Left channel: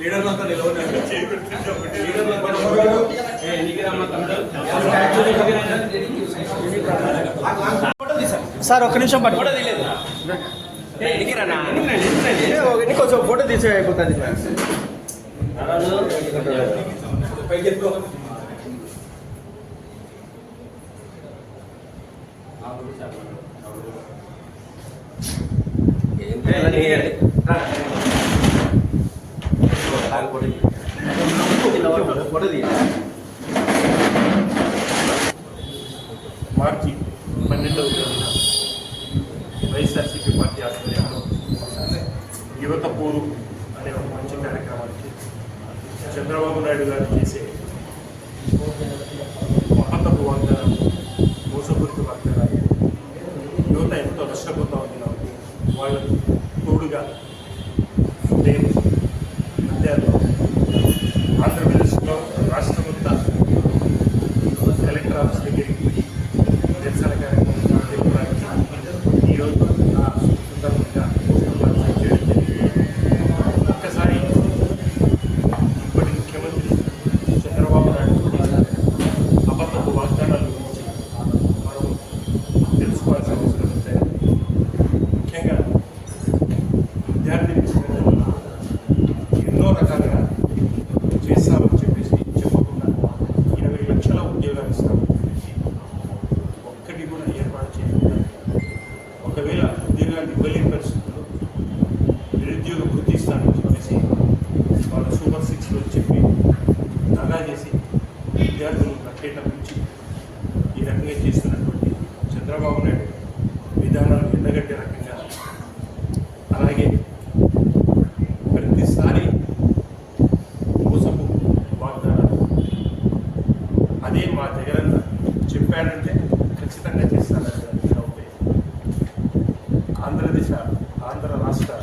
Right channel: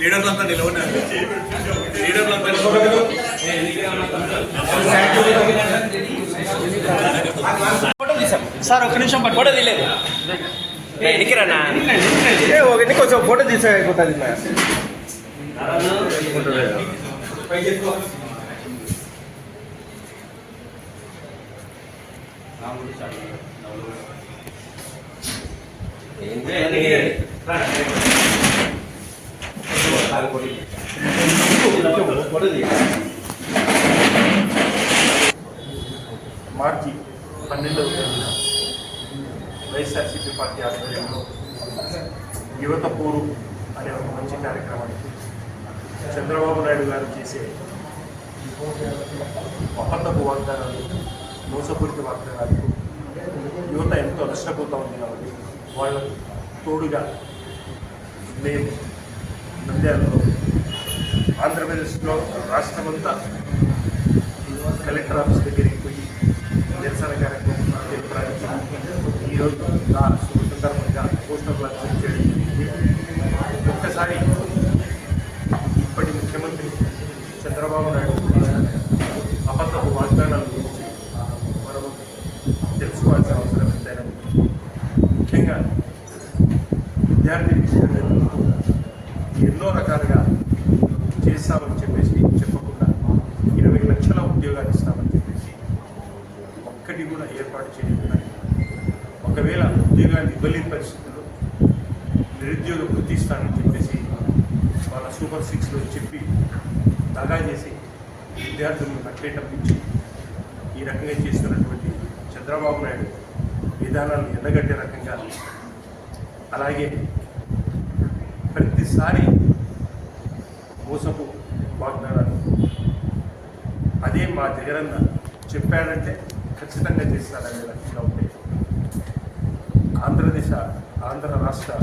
లీడర్లంతా నిలవన్నారు లీడర్లంతా sir ఒక్క నిమిషం పట్టు. ఫోటో తీయలేదు. ఒకటి కొంచెం ఫోటో తీసుకోవాలి మార్చి పన్నెండవ తేదీన వైఎస్ఆర్సీపీ పార్టీ ఆధ్వర్యంలో యువత పూరు అనే ఒక మంచి కార్యక్రమానికి చంద్రబాబు నాయుడు గారు చేసే అబద్ధపు వాగ్దానాలు మోసపూరిత వాగ్దానాలు ఎంతో నష్టపోతూ ఉంది కాబట్టి వాళ్ళకు తోడుగా మేము నంద్యాలలో ఆంధ్రప్రదేశ్లో రాష్ట్రమంతా విద్యార్థిని ఎన్నో రకాలుగా చేస్తామని చెప్పేసి చెప్పకుండా ఇరవై లక్షల ఉద్యోగాలు ఇస్తామని చెప్పేసి ఒక్కటి కూడా ఏర్పాటు చేయకుండా ఒకవేళ ఉద్యోగాలు ఇవ్వలేని పరిస్థితుల్లో నిరుద్యోగ వృత్తి ఇస్తానని చెప్పేసి వాళ్ళ సూపర్ సిక్స్లో చెప్పి దగా చేసి విద్యార్థులను నట్టేటప్పించి ఈ రకంగా చేస్తున్నటువంటి చంద్రబాబు నాయుడు విధానాలు ఎండగట్టే రకంగా అలాగే ప్రతిసారి మోసపు వాగ్దానాలు. అదే మా జగనన్న చెప్పాడంటే ఖచ్చితంగా చేస్తానని రకంగా ఉంటే. ఆంధ్రదేశ ఆంధ్ర రాష్ట్ర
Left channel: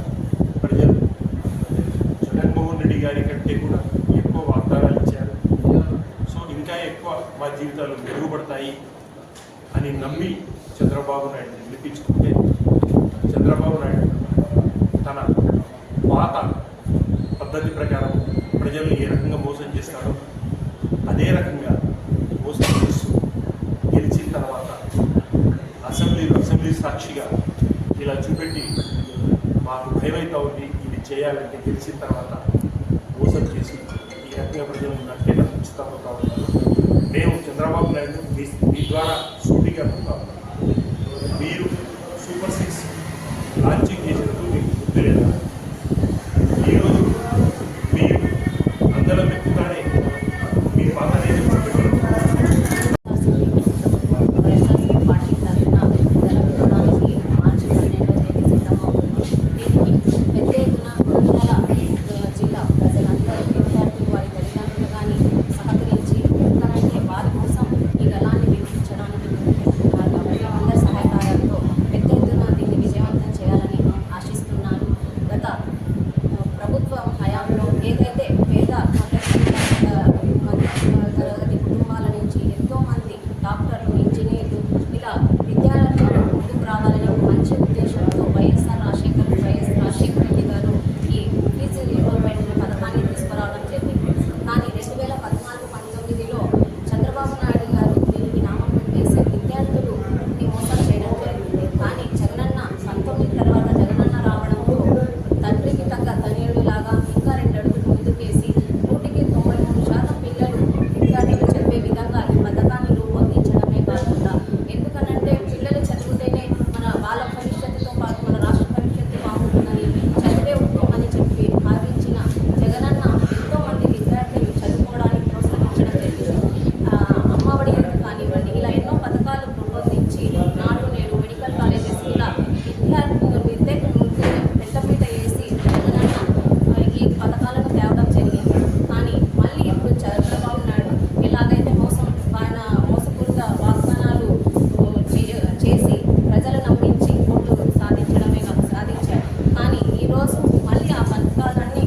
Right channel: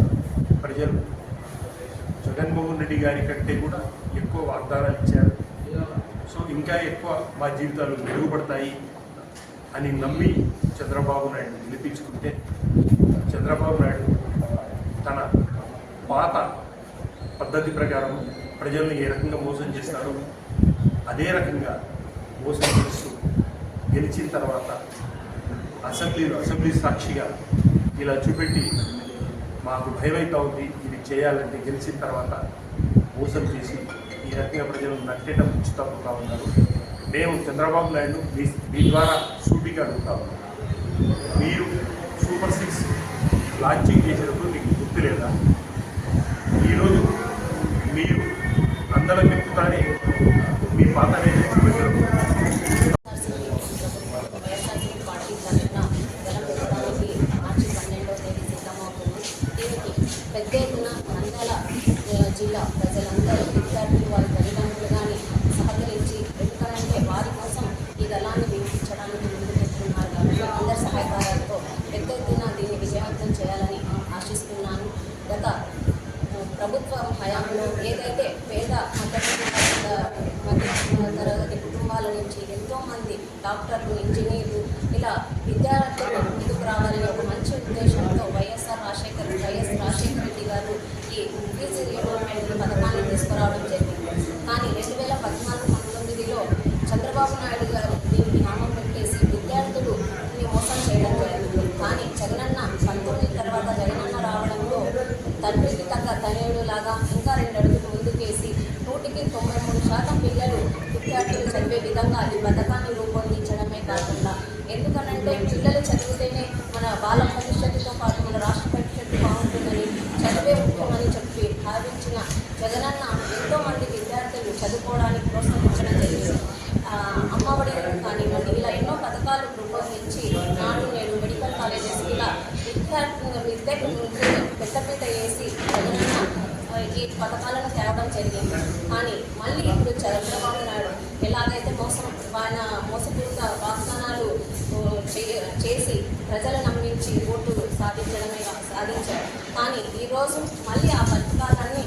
ప్రజలు జగన్మోహన్ రెడ్డి గారి కంటే కూడా ఎక్కువ వాగ్దానాలు ఇచ్చారు. సో ఇంకా ఎక్కువ మా జీవితాలు మెరుగుపడతాయి అని నమ్మి చంద్రబాబు నాయుడు గెలిపించుకుంటే చంద్రబాబు పద్ధతి ప్రకారం ప్రజల్ని ఏ రకంగా మోసం చేస్తాడో అదే రకంగా మోసం చేస్తూ గెలిచిన తర్వాత అసెంబ్లీలో అసెంబ్లీ సాక్షిగా ఇలా చూపెట్టి మాకు భయమైతా ఉంది ఇది చేయాలంటే గెలిచిన తర్వాత మోసం చేసి ఈ రకంగా ప్రజలను నట్టేట ముంచుతా ఉన్నారు. మేము చంద్రబాబు నాయుడు మీ మీ ద్వారా సూటిగా అడుగుతా ఉన్నాం. మీరు సూపర్ సిక్స్ లాంచింగ్ చేసినప్పుడు మీకు గుర్తు లేదా ఈరోజు మీరు అందరం ఎక్కుతానే మీ పాత పెట్టడం మార్చి సిద్ధమవుతుంది పెద్ద ఎత్తున జిల్లా ప్రజలందరూ వారి కానీ సహకరించి ఎందుకంటే వారి కోసం ఈ దళాన్ని అందరి పెద్ద ఎత్తున దీన్ని విజయవంతం చేయాలని ఆశిస్తున్నాను. గత హయాంలో ఏదైతే పేద మధ్యతరగతి మధ్య తరగతి కుటుంబాల నుంచి ఎంతోమంది డాక్టర్లు ఇంజనీర్లు ఇలా విద్యార్థులు ముందుకు రావాలని ఒక మంచి ఉద్దేశంతో వైఎస్ఆర్ రాజశేఖర్ వైఎస్ రాజశేఖర రెడ్డి గారు ఈ ఫీజు రీఎంబర్మెంట్ పథకాన్ని తీసుకురావడం జరిగింది. కానీ రెండు వేల పద్నాలుగు పంతొమ్మిదిలో చంద్రబాబు నాయుడు 나가는 తేవడం జరిగింది. కానీ మళ్ళీ ఇప్పుడు చంద్రబాబు నాయుడు ఎలాగైతే మోసం ఆయన మోసపూరిత వాగ్దానాలు చేసి ప్రజలు నమ్మించి ఓటు సాధించడమే సాధించారు. కానీ ఈరోజు మళ్ళీ ఆ పథకాలన్నీ